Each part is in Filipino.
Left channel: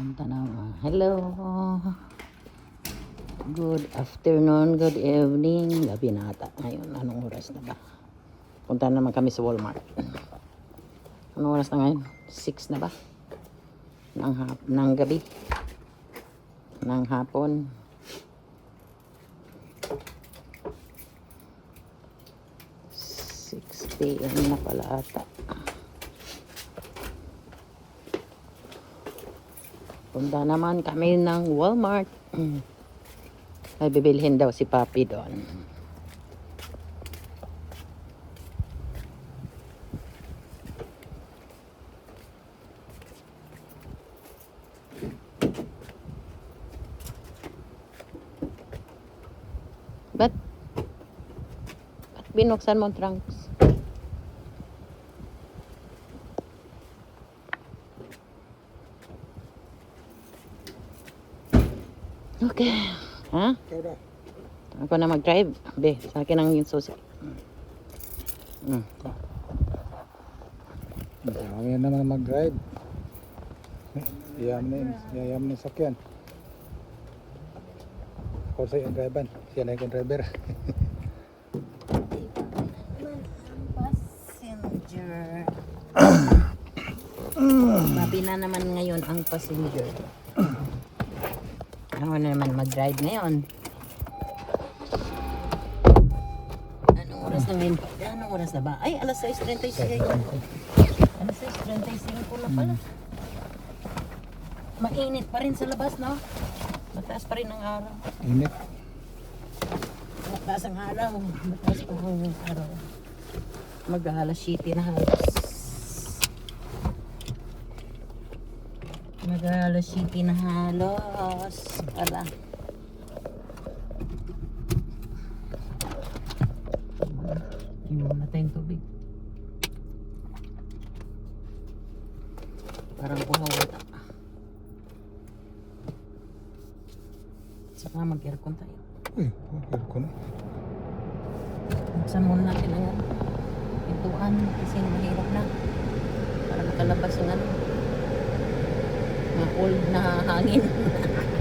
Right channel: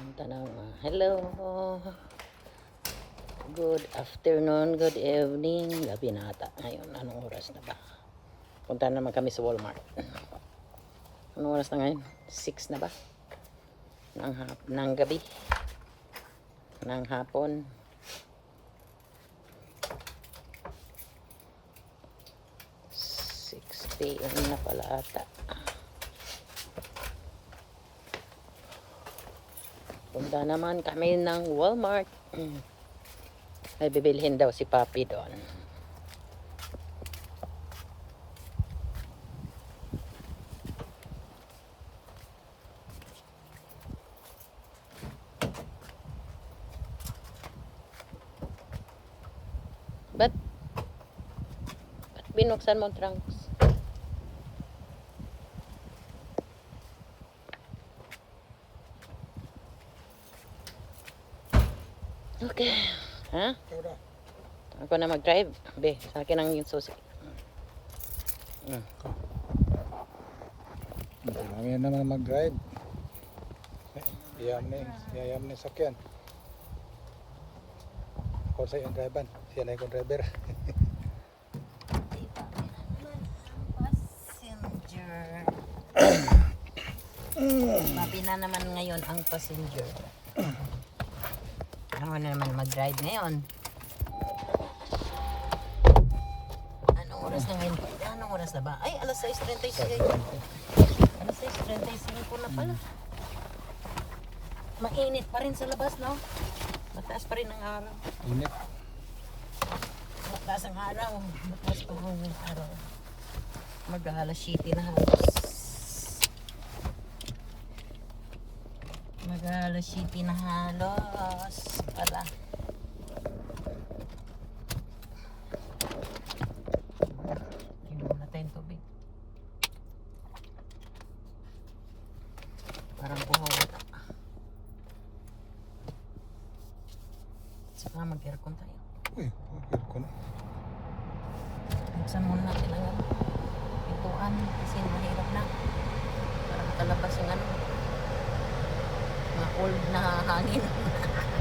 Na mga hello. Good afternoon, good evening. Gabi na ata. Ngayon, anong oras na ba? Punta naman kami sa Walmart. Anong oras na ngayon? 6 na ba? Ng, hap ng gabi. Ng hapon. P.m. na pala ata. Punta naman kami ng Walmart. Ay, bibilhin daw si Papi doon. Ba't? Ba't binuksan mo trunks? 5. Be, sa akin ang yung susi. Mm. mm. Marami naman mag-drive. Iyam ni, iyam ni sakyan. Jose yung driver, siya na yung driver. passenger. Babi na naman ngayon ang passenger. Ako na naman mag-drive ngayon. Na ngayon? Anong oras na ba? Ay, alas 6.36. Alas 6.35 na pala. Mainit pa rin sa labas, no? Mataas pa rin ang araw. Init. Mataas ang araw. Mataas pa ang araw. Mag-alas 7 na halos. Mag-alas 7 na halos. Pala. Iwan na tayong tubig. Parang kumawala. Saka mag-aircon tayo. Uy, aircon. Buksan muna natin ang ano, pintuan kasi mahirap na. Para makalabas yung ano, mga old na hangin.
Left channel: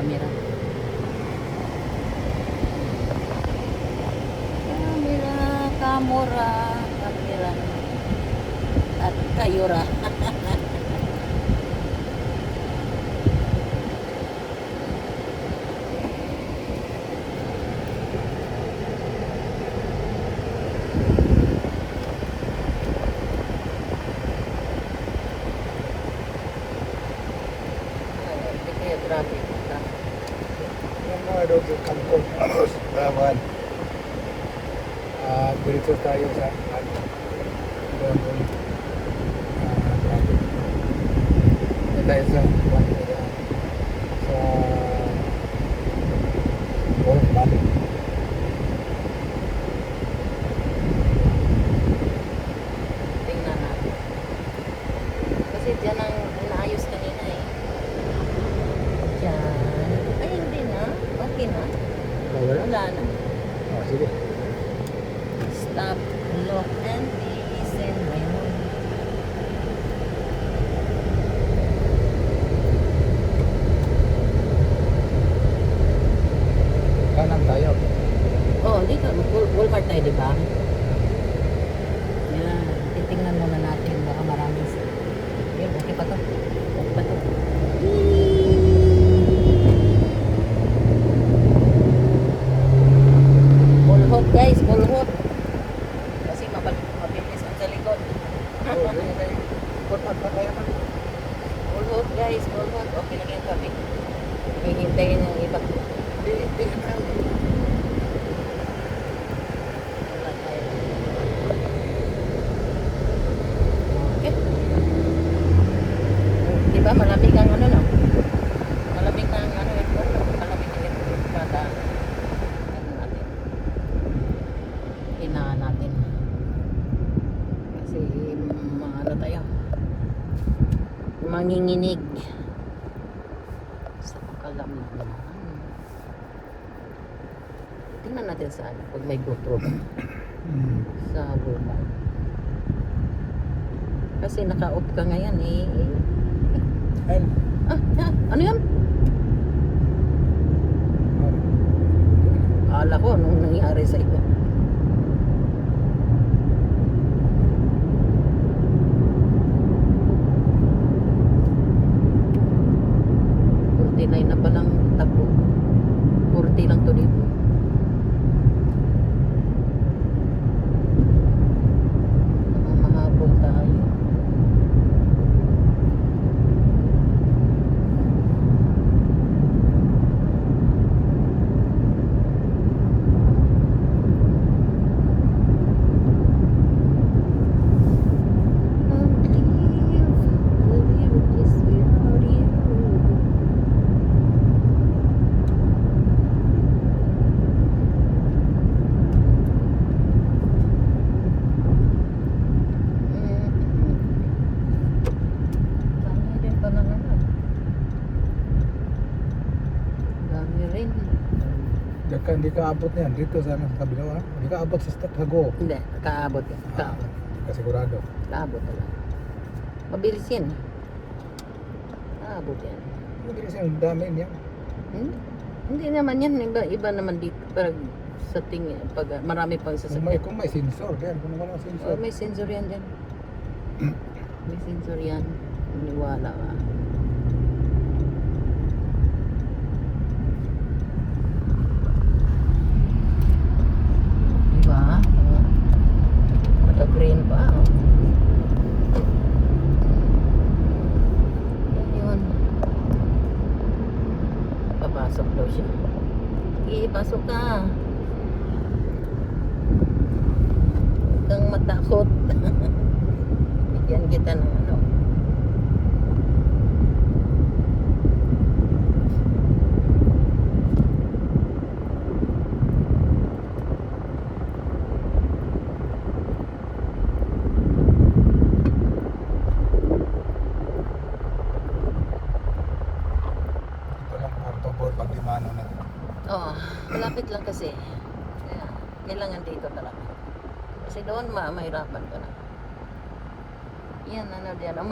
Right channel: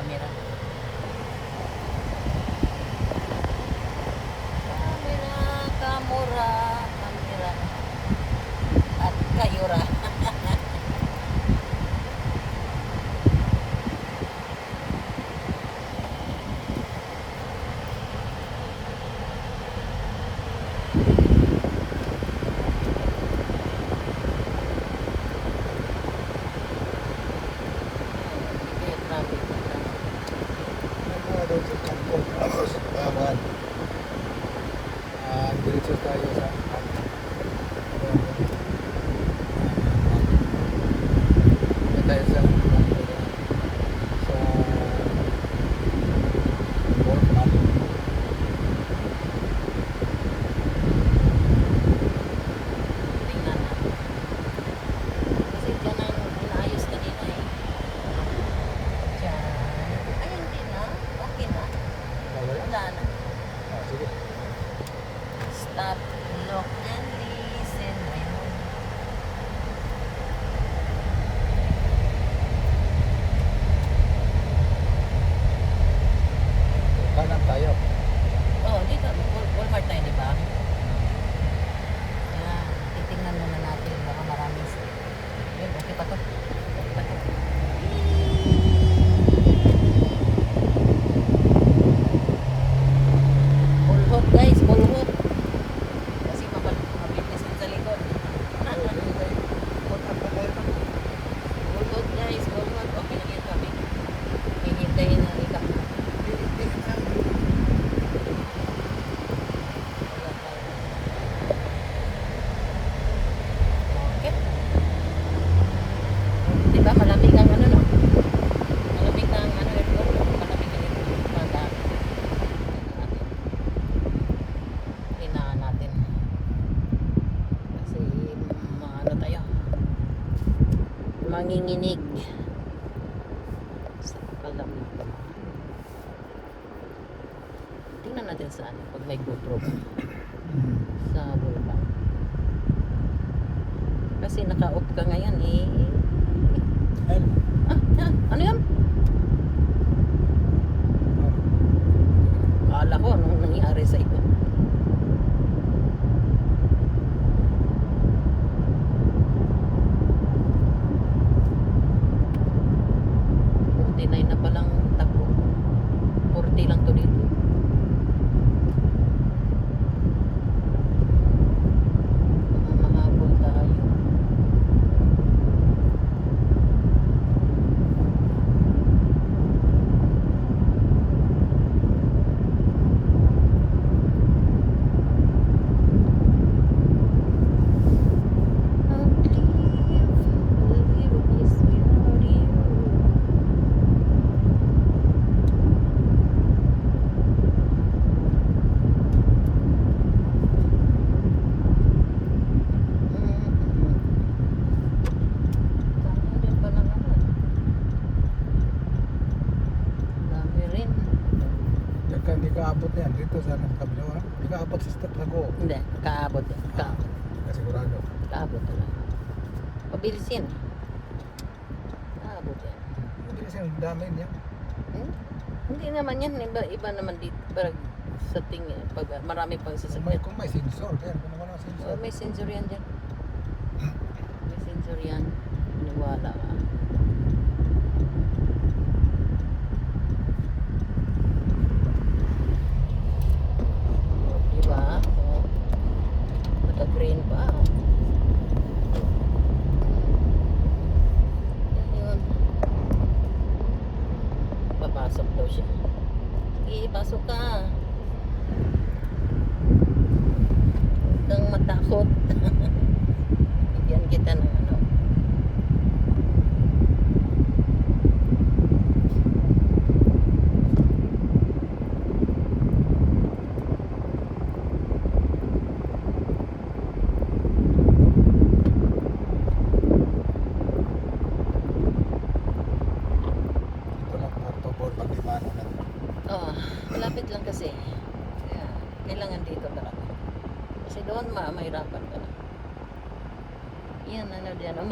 Camera, morning abot niyan dito sa amin sa kabila. Hindi ka abot sa stat hago. Hindi, kaabot. sigurado. Ka abot. Mabilis yan. Kaabot yan. Mabilis yan, dami niya. Hmm? Hindi naman yan, iba, iba naman dito. Parang sa tingin, pag marami pang sasakyan. Kung may, kung may sensor, kaya Kung naman ang sensor. Oh, may sensor yan din. may sensor yan. Hindi wala.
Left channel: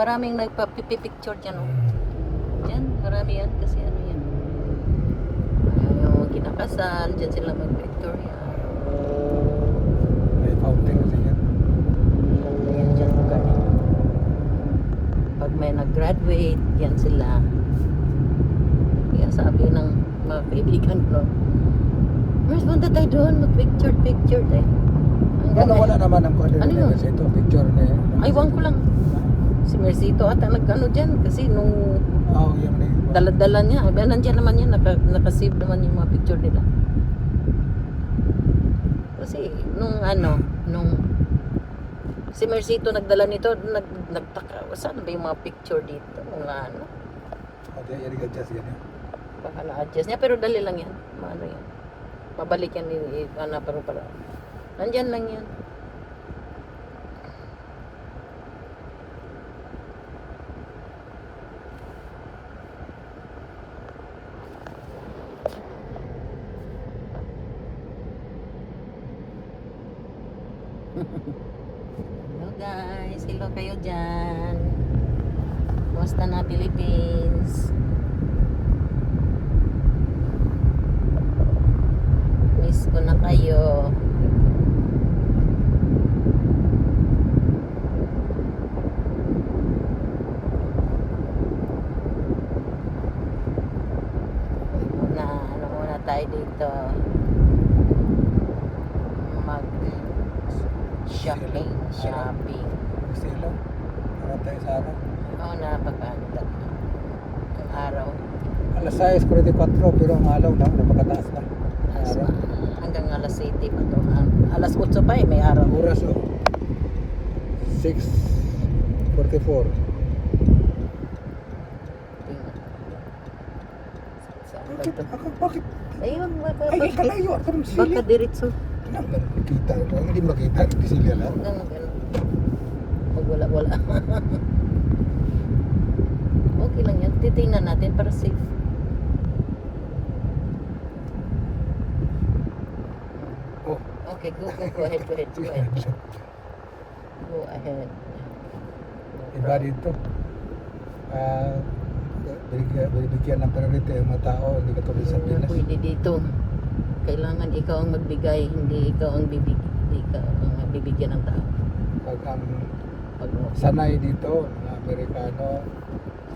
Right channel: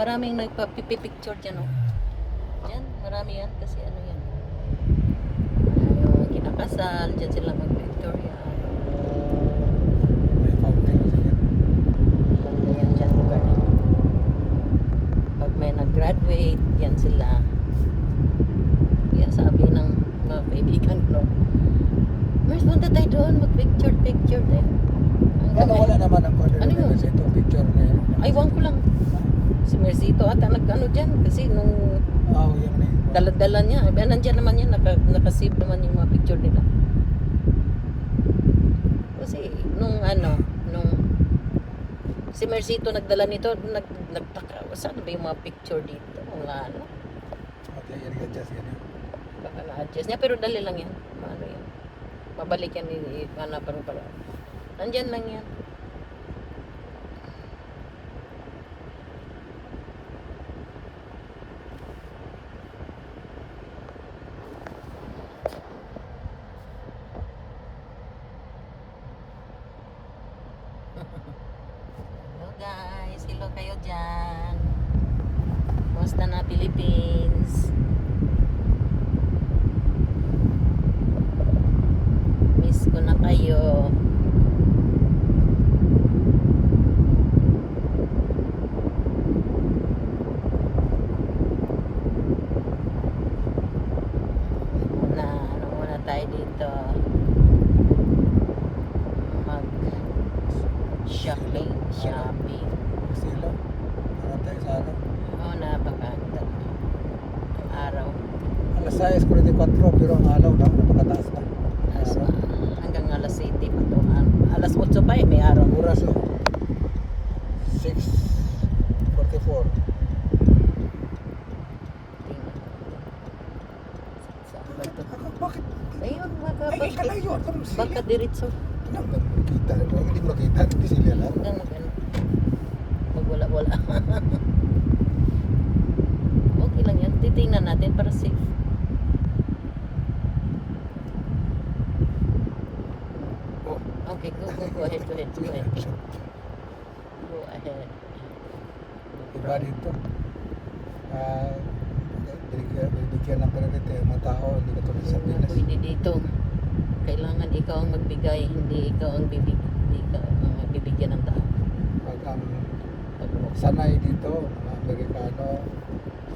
maraming nagpa-picture dyan. Oh. Yan, marami yan kasi ano yan. Uh, kinakasal, dyan sila mag nito, nag, nagtaka, saan ba yung mga picture dito? Mga ano? Okay, i-adjust yan eh. yun. Baka adjust niya, pero dali lang yan. Ano yun? Mabalik yan, i-ano, pero para. Nandyan lang yan. diretso. Number makita. Kung hindi makita, hindi sila lang. Ganun, ganun. Pag wala, wala. okay lang yan. Titingnan natin para safe. Oh. Okay, go, go, go ahead, go ahead, go ahead. Go ahead. Iba dito. Uh, ah, binigyan, binigyan ng priority ang mga tao, hindi katulad sa Pinas. Pwede dito. Kailangan ikaw ang magbigay, hindi ikaw ang bibig, ikaw ang magbibigyan ng tao. Pag ang sanay dito, Amerikano,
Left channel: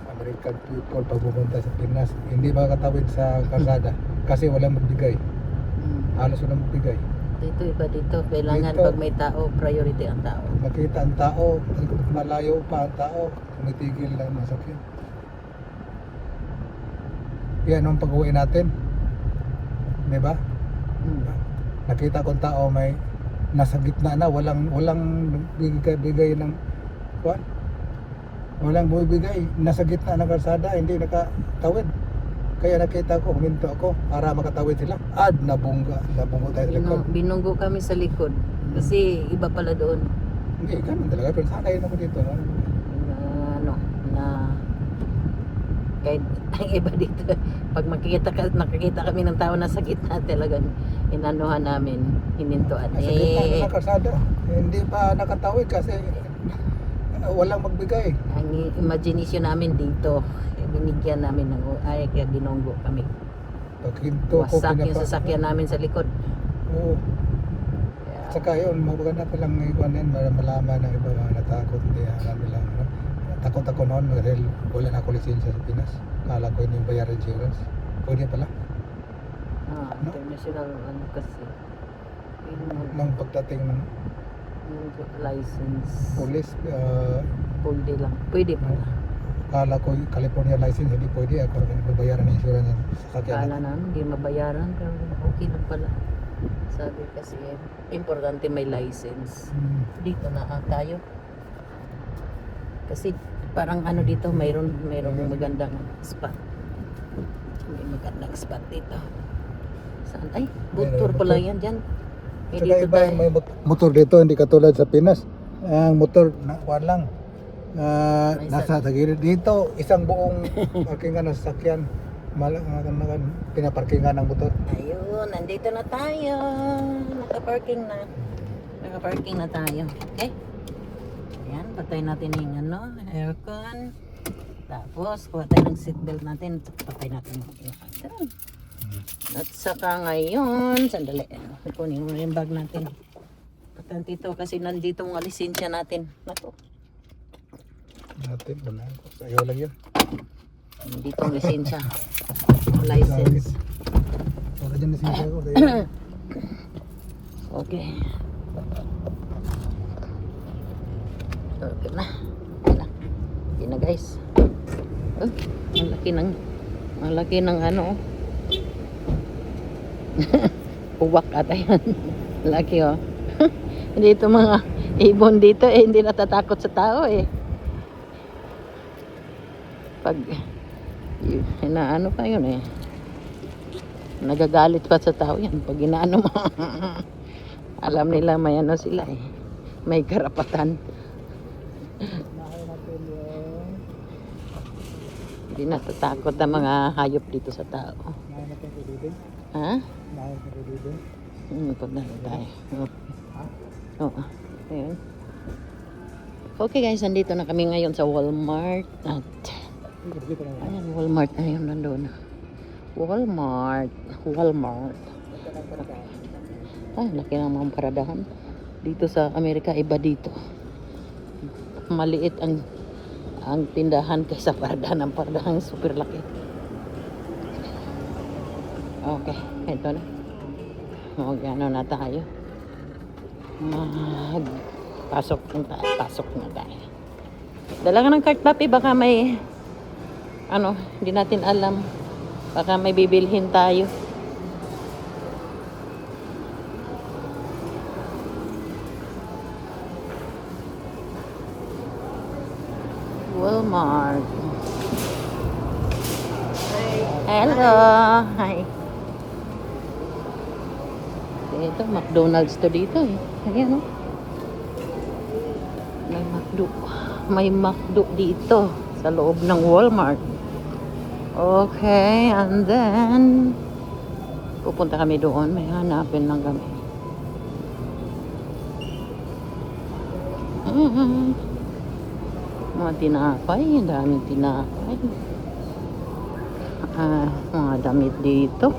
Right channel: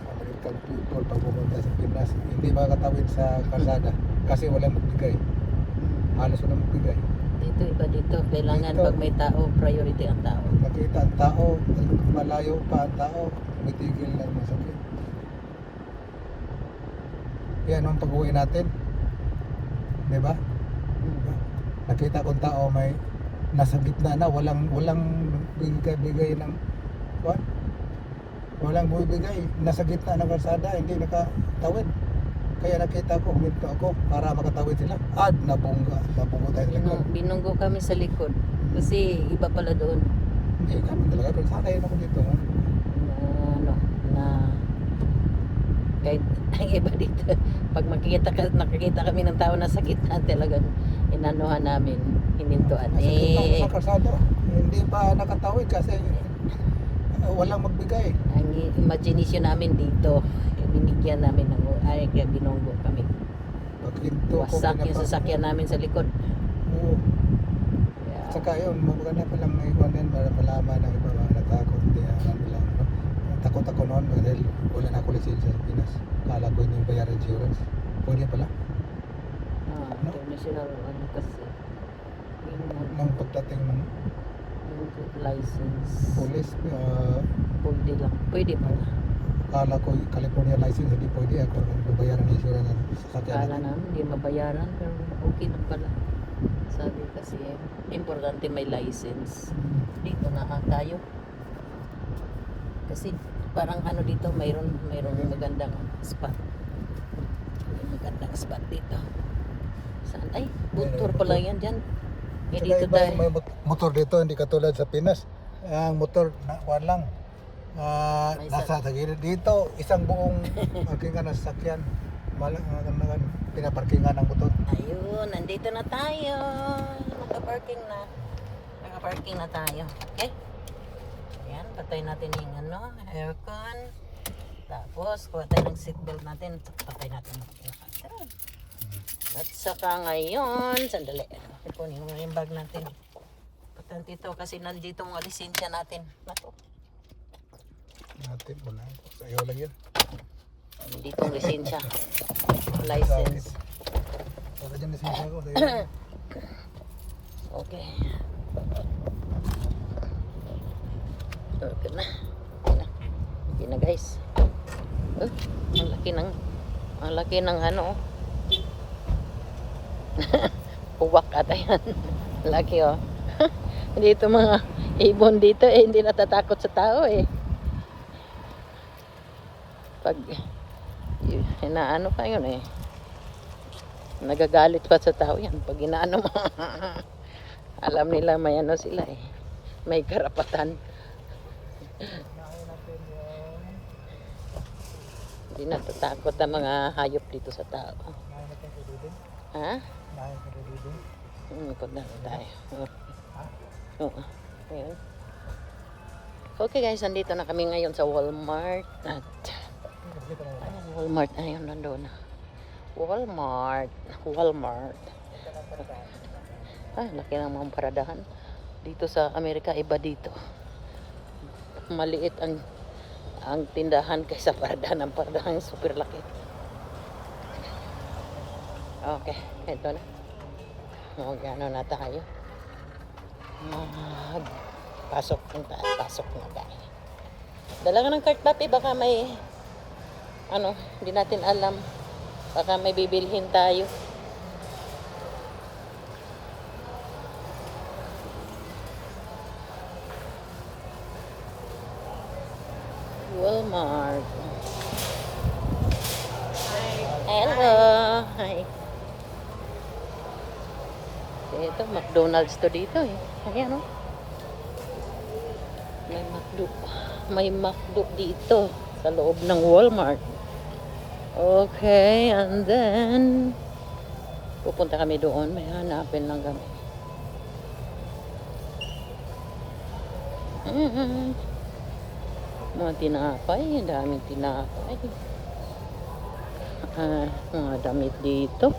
American people pag pupunta sa Pinas, hindi makakatawid sa kalsada kasi walang magbigay. Halos walang magbigay. dito iba dito. Kailangan Dito. pag may tao, priority ang tao. Pag makita ang tao, malayo pa ang tao, tumitigil na masakit. Yan ang pag-uwi natin. Di ba? Nakita kong tao may nasa gitna na, walang walang bigay, bigay ng kuwan. Walang bumibigay, nasa gitna ng kalsada, hindi nakatawid. Kaya nakita ko, huminto ako para makatawid sila. Ad, nabungga, nabunggo tayo sa likod. Binu- binunggo kami sa likod. Kasi iba pala doon. Hindi, ganun talaga. Pero sanay na ko dito. No? na ano, na kahit ang iba dito, pag makikita ka, nakikita kami ng tao na sa gitna talagang inanuhan namin, hinintuan. Gitna Eh, ng kalsada. Eh, hindi pa nakatawid kasi uh, walang magbigay. ang imagination namin dito, binigyan namin ng ay kaya binunggo kami. Pag hinto ko, Wasak yung sasakyan namin sa likod. Oo. Kaya, Saka yun, maganda ko lang ikuan din para malaman ng iba mga natakot. Hindi, alam nila. no? Takot ako noon dahil wala na ako lisensya sa Pinas. Kala ko yun yung bayar insurance. Pwede pala. ah, international ano kasi. Nung pagdating ng license. police, uh, Pwede lang. Pwede pala. kala ko yung California license, hindi pwede. Pag mabayaran ng insurance ng sasakyan na, hindi mabayaran. Pero okay lang pala. Sabi kasi, importante may license. Hmm. Dito na lang tayo. Kasi parang ano dito, mayroon, mayroon magandang spot. May magandang spot dito. Saan? Ay, tour pala yan dyan. Eh, Saka dito iba tayo. yung mga mot- motor dito, hindi katulad sa Pinas. Ang motor, na, kuwan lang. Ah, nasa tagilid dito, isang buong parkingan ng sasakyan. Malang pinaparkingan ng motor. Ayun, nandito na tayo. Naka-parking na. Naka-parking na tayo. Okay? Ayan, patay natin yung ano, aircon. Tapos, kuha tayo ng seatbelt natin. Patay natin yung aircon. At saka ngayon, sandali, kunin mo yung bag natin. Importante ito kasi nandito mga lisensya natin. Naku, Natin, wala. Sa'yo lang yan. nandito ang lisensya. License. Wala dyan siya ko. Okay. Okay na. Okay na. Guys. Ah, ang laki ng ang laki ng ano. Uwak ata yan. laki oh. dito mga ibon dito eh hindi natatakot sa tao eh. Pag inaano pa yun eh. Nagagalit pa sa tao yan pag inaano mo. Alam nila may ano sila eh. May karapatan. Hindi natatakot ang mga hayop dito sa tao. Ha? Hmm, pagdalo tayo. Oo. Oo. Ayun. Okay guys, nandito na kami ngayon sa Walmart. At. Ayan, Walmart na yun nandun. Walmart. Walmart. Ah, laki ng mga paradahan. Dito sa Amerika, iba dito. Maliit ang ang tindahan kaysa paradahan. Ang paradahan super laki. Okay, ito na. Okay, ano na tayo. Ah, pasok na tayo. Pasok na tayo. Dala ka ng cart papi, baka may ano, hindi natin alam. Baka may bibilhin tayo. Walmart. Hello. Hi. Ito, McDonald's to dito. eh. Ayan. May McDo. May McDo dito sa loob ng Walmart. Okay, and then pupunta kami doon. May hanapin lang kami. Mm. Mga tinapay, daming tinapay. Ah, mga damit dito.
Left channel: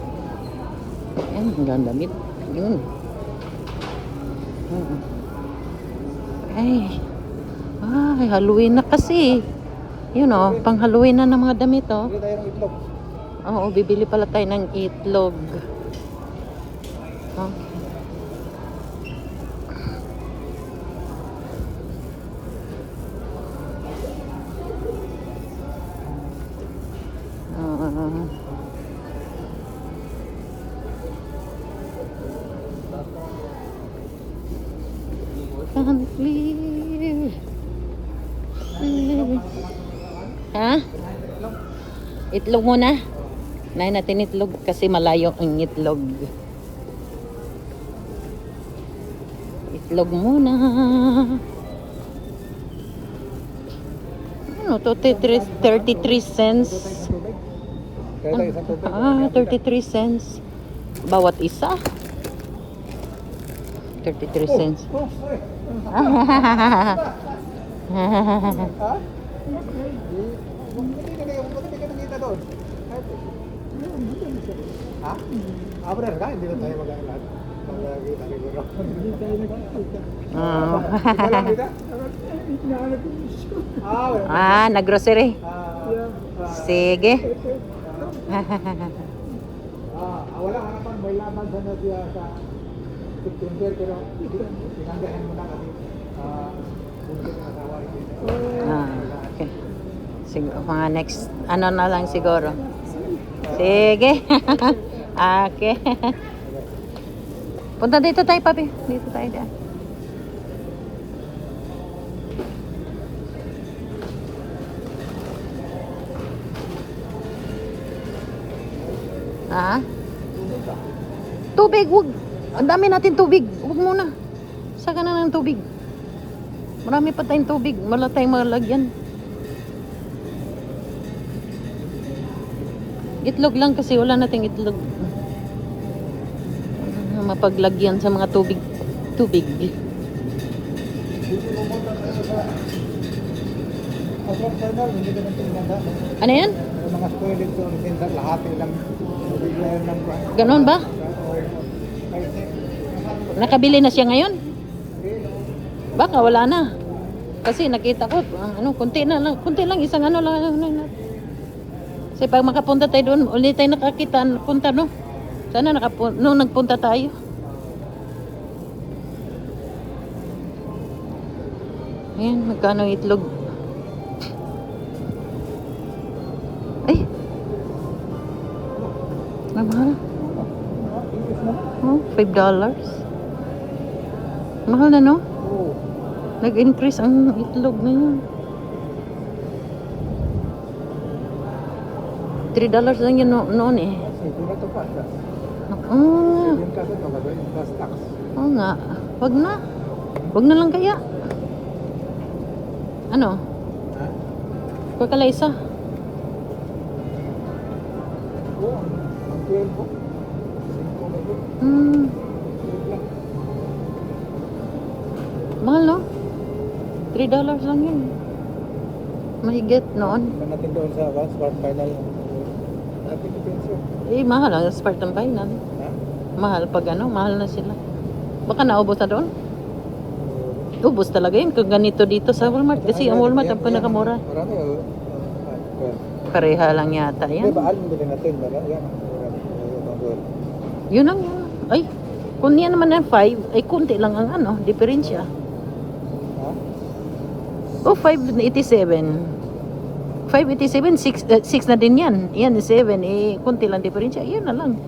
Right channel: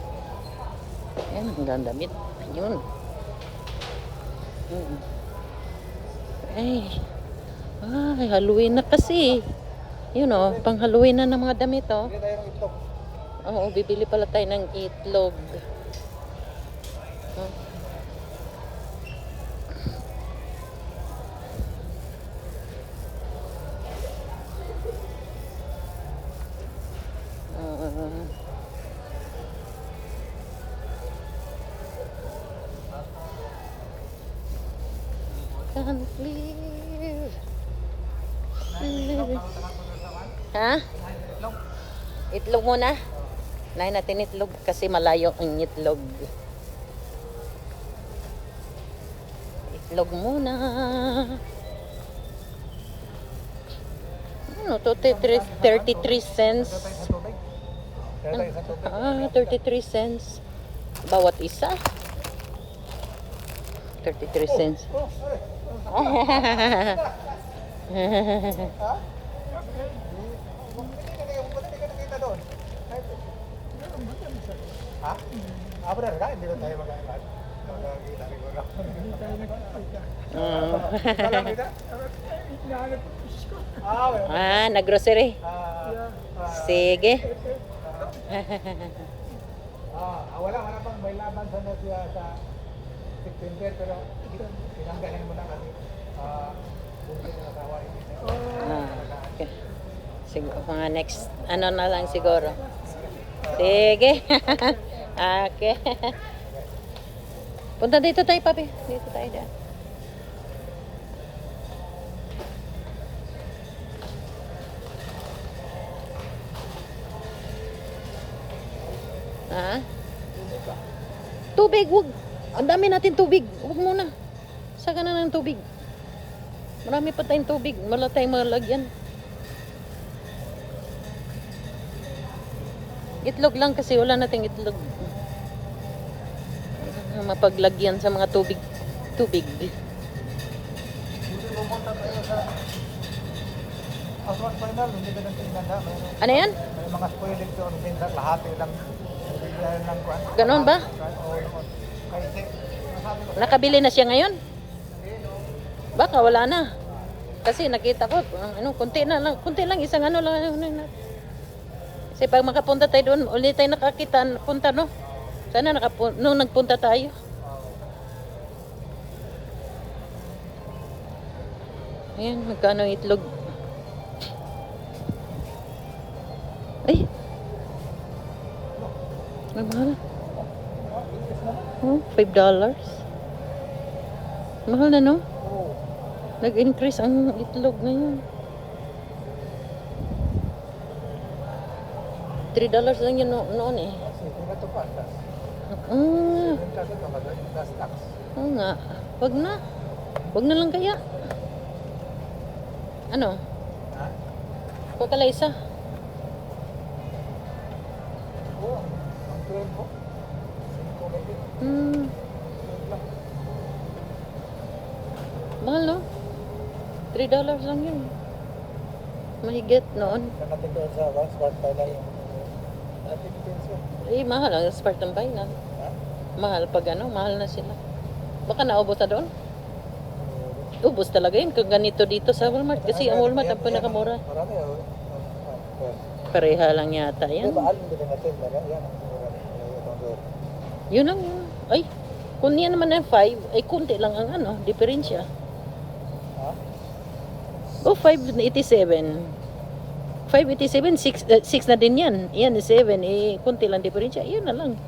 Ayan, ang damit. Ayun. Ay. Ay, Halloween na kasi. Yun o, pang Halloween na ng mga damit oh. Oo, bibili pala tayo ng itlog. Itlog muna. Nahin natin itlog kasi malayo ang itlog. Itlog muna. Ano to? 33, 33 cents. Tubig. Ah, 33 cents. Bawat isa. 33 cents. Oh, sorry. Ha? Ah, benar kan? Hindi na tayo nagkakita. Ah. Naggrocery. Sige. wala ka naman, may laban sa natin sa September, pero tinanggahan mo na ito. Ah, okay. Siguro, mga next, ano na lang siguro. Sige. okay. Punta dito tayo, papi. Dito tayo dyan. Ha? Tubig, wag. Ang dami natin tubig. Wag muna. Saka na ng tubig. Marami pa tayong tubig. Wala tayong malagyan. Itlog lang kasi wala nating itlog. Mapaglagyan sa mga tubig. Tubig. Ano yan? Mga spoiler doon, minsan lahat ng bibigyan ng Ganon ba? Nakabili na siya ngayon? Baka wala na. Kasi nakita ko, ano, kunti na lang, kunti lang, isang ano lang. Ano, ano. Kasi pag makapunta tayo doon, ulit tayo nakakita, punta no. Sana nakapunta, no, nagpunta tayo. Ayan, magkano itlog. Ay! Mamahal. Oh, five dollars. Mahal na no? Nag-increase ang itlog na yun. 3 dollars lang yun no noon eh. Oo nga. Oo nga. Wag na. Wag na lang kaya. Ano? Kuha ka lang isa. Mm. Mahal no? 3 dollars lang yun. Mahigit noon. Mahigit noon. Eh, mahal ang Spartan Final. Mahal pag ano, mahal na sila. Baka naubos na doon. Ubos talaga yun. Kung ganito dito sa Walmart. Kasi ang Walmart ang pinakamura. Pareha lang yata yan. Yun ang yun. Ay, kung yan naman ang 5, ay kunti lang ang ano, diferensya. Oh, 587. 587, 6, 6 na din yan. Yan, 7. Eh, kunti lang diferensya. Yan na lang.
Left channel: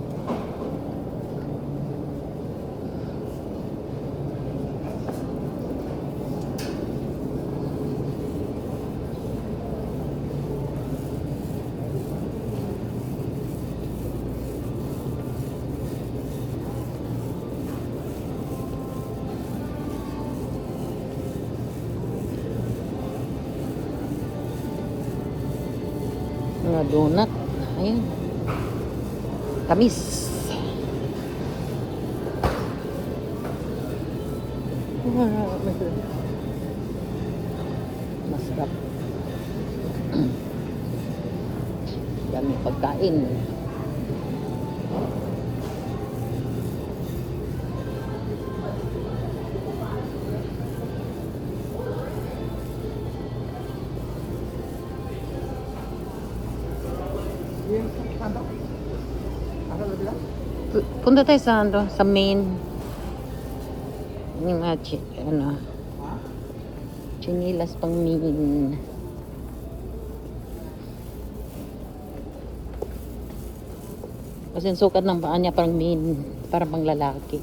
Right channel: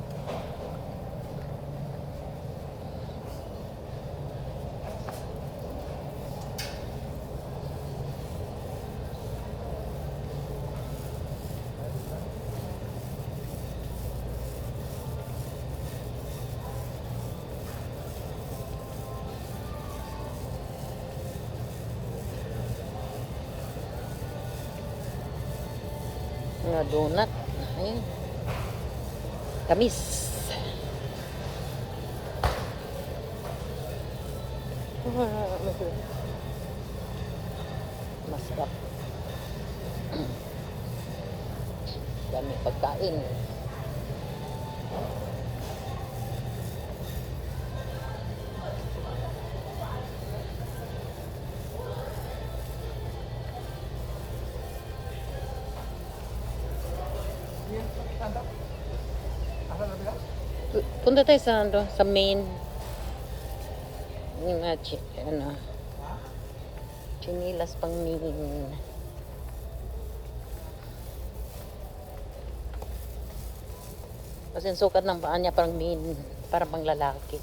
Punta tayo sa ano, sa main. Yung mga chi, ano, chinilas pang main. Kasi ang sukat ng paa niya parang main, parang pang lalaki.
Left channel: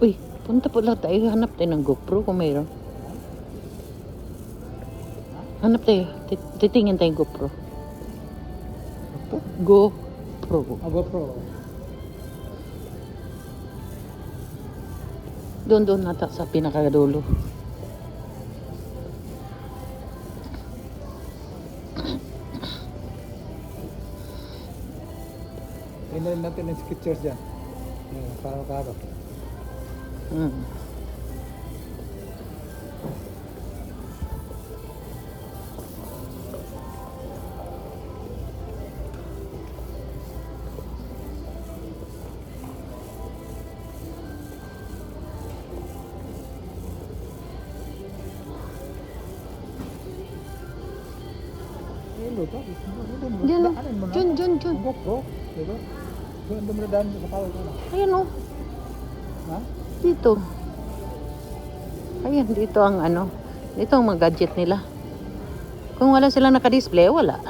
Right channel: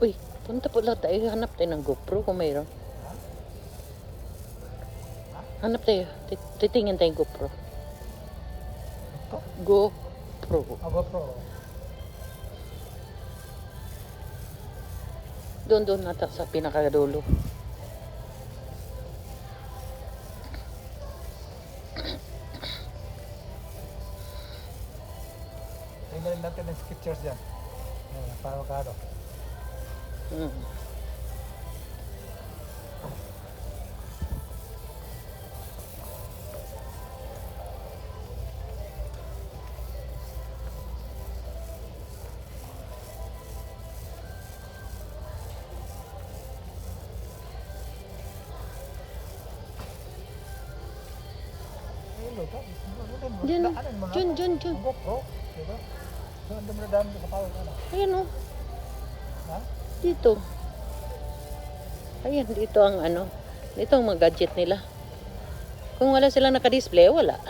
Uy, punta pala tayo. Hanap tayo ng GoPro kung mayroon. Hanap tayo. Tit- Titingin tayo GoPro. GoPro. Ah, GoPro. Doon doon nata sa pinakadulo. Tingnan natin yung pictures dyan. Yan, parang karo. Mm. Diyan o. Diyan, diyan, diyan. Ayan o. Dito. Ayan, dito ang ano. Dito ang mga gadget nila. Kung wala sila naka-display, wala.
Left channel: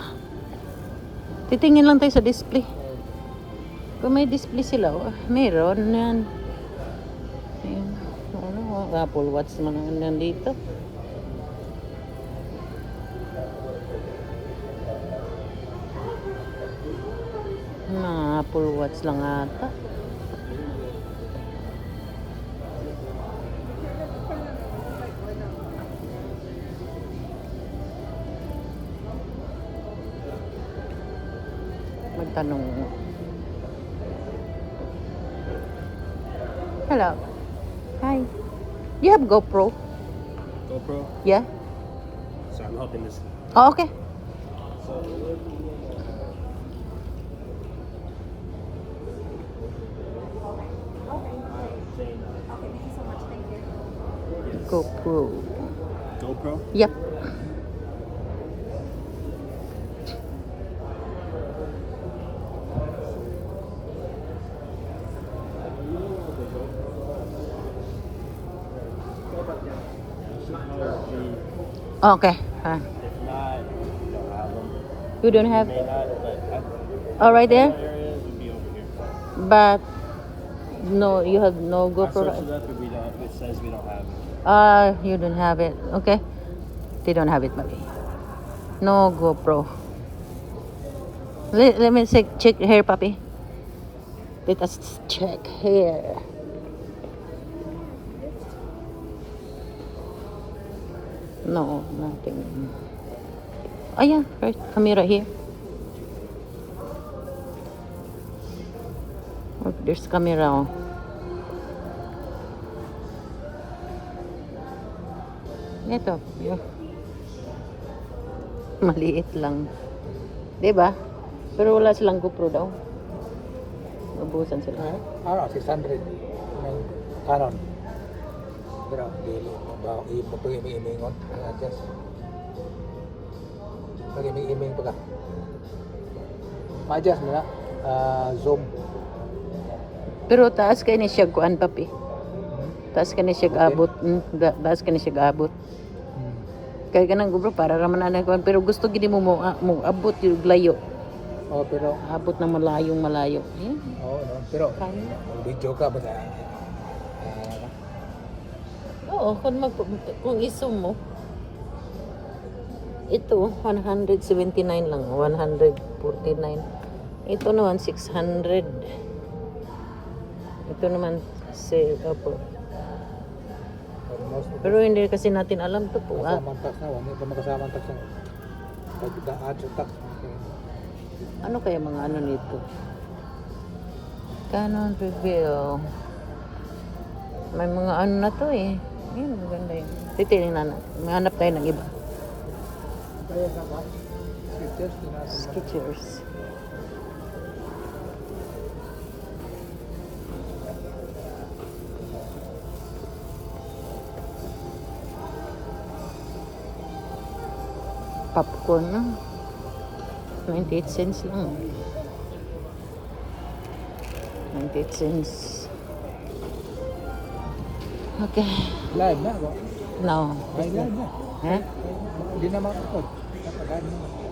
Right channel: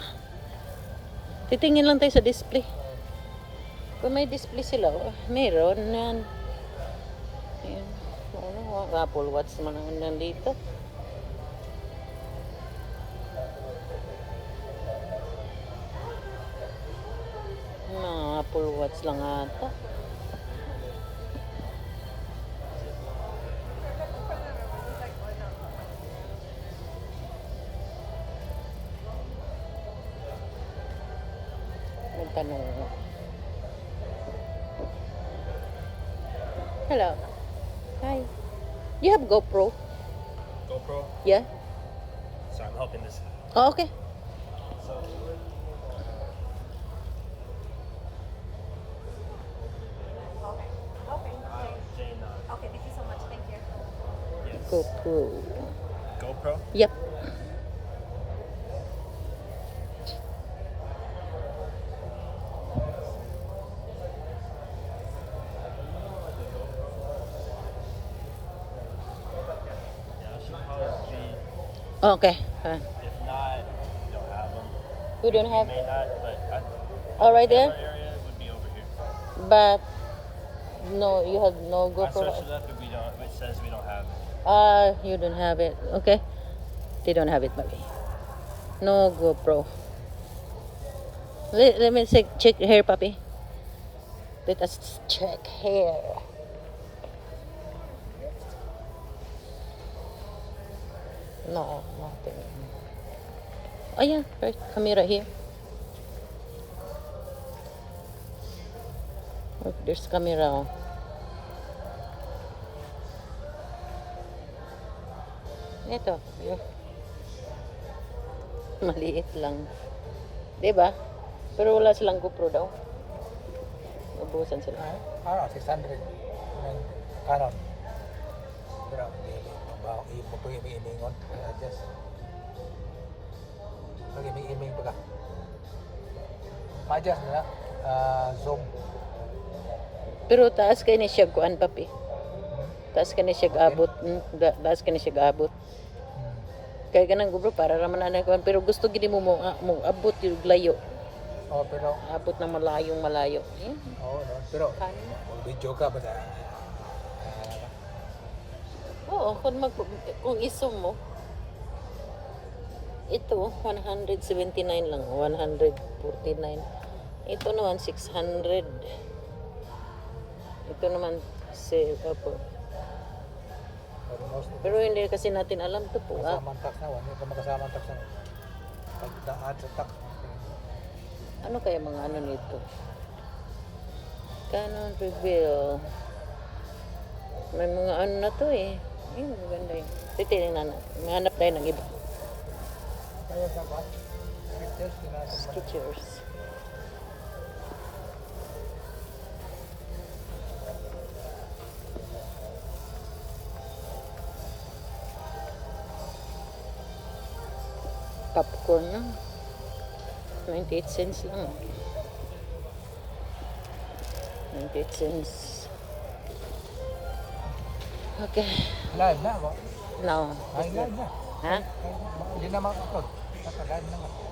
Titingin lang tayo sa display. Kung may display sila, oh, meron yan. Ayan. Ano, mga Apple Watch mo naman nandito. Mga Watch lang ata. Magtanong mo. Hello. Hi. You have GoPro? GoPro. Yeah? So I'm helping this. Oh, okay. So Okay. Fine. If not, we don't have them. You don't have may not, but I, all right there, other areas would be over here. but no, you have no I searched GoPro. it up, and we don't. It says we don't have it. Uh, you don't have it. Okay. They don't have it, baby. No GoPro. Let, let me check, check here, puppy. Let us check here. No, nothing. Oh yeah, right. Camera here. Oh, there's camera. Oh. Ito. Maliit lang. 'Di ba? Pero wala silang GoPro daw. Ubusan sila. Eh, ano, 600. Yung Canon. Pero, dili. Ba, ipag-iming-imingon. Adjust. Pag-iming-iming pa ka. Ma-adjust mo na. Ah, zoom. Pero taas kay ni siya kuan papi. Hmm. Taas ka ni siya gaabot. Mm, da- taas ka ni siya gaabot. Hmm. Kaya ganang GoPro para raman na kuan pero gusto gid mo mo, ah, mo abot yung layo. Oh, pero, Abot na malayong malayo. Eh, oh, pero, video ka ba sa Oo, kung, mag, kung iso mo, ito, 179 lang, 149. Ito naman, 600. Ito naman, si, opo. Pero hindi kasi natin alam to po. Ah, kasama ang tax na. Huwag ito makasama ang tax na. Pag-add tax. ano kaya mga ano nito? Canon reveal. May mga ano na to eh. Ayun, maganda yun. Titingnan na natin. Maghanap tayo ng iba. Skechers. Popcorn na. 98 cents lang. 98 cents. Okay. Live na ako. No. Ay, live na. Ha? Hindi naman ako. Live na.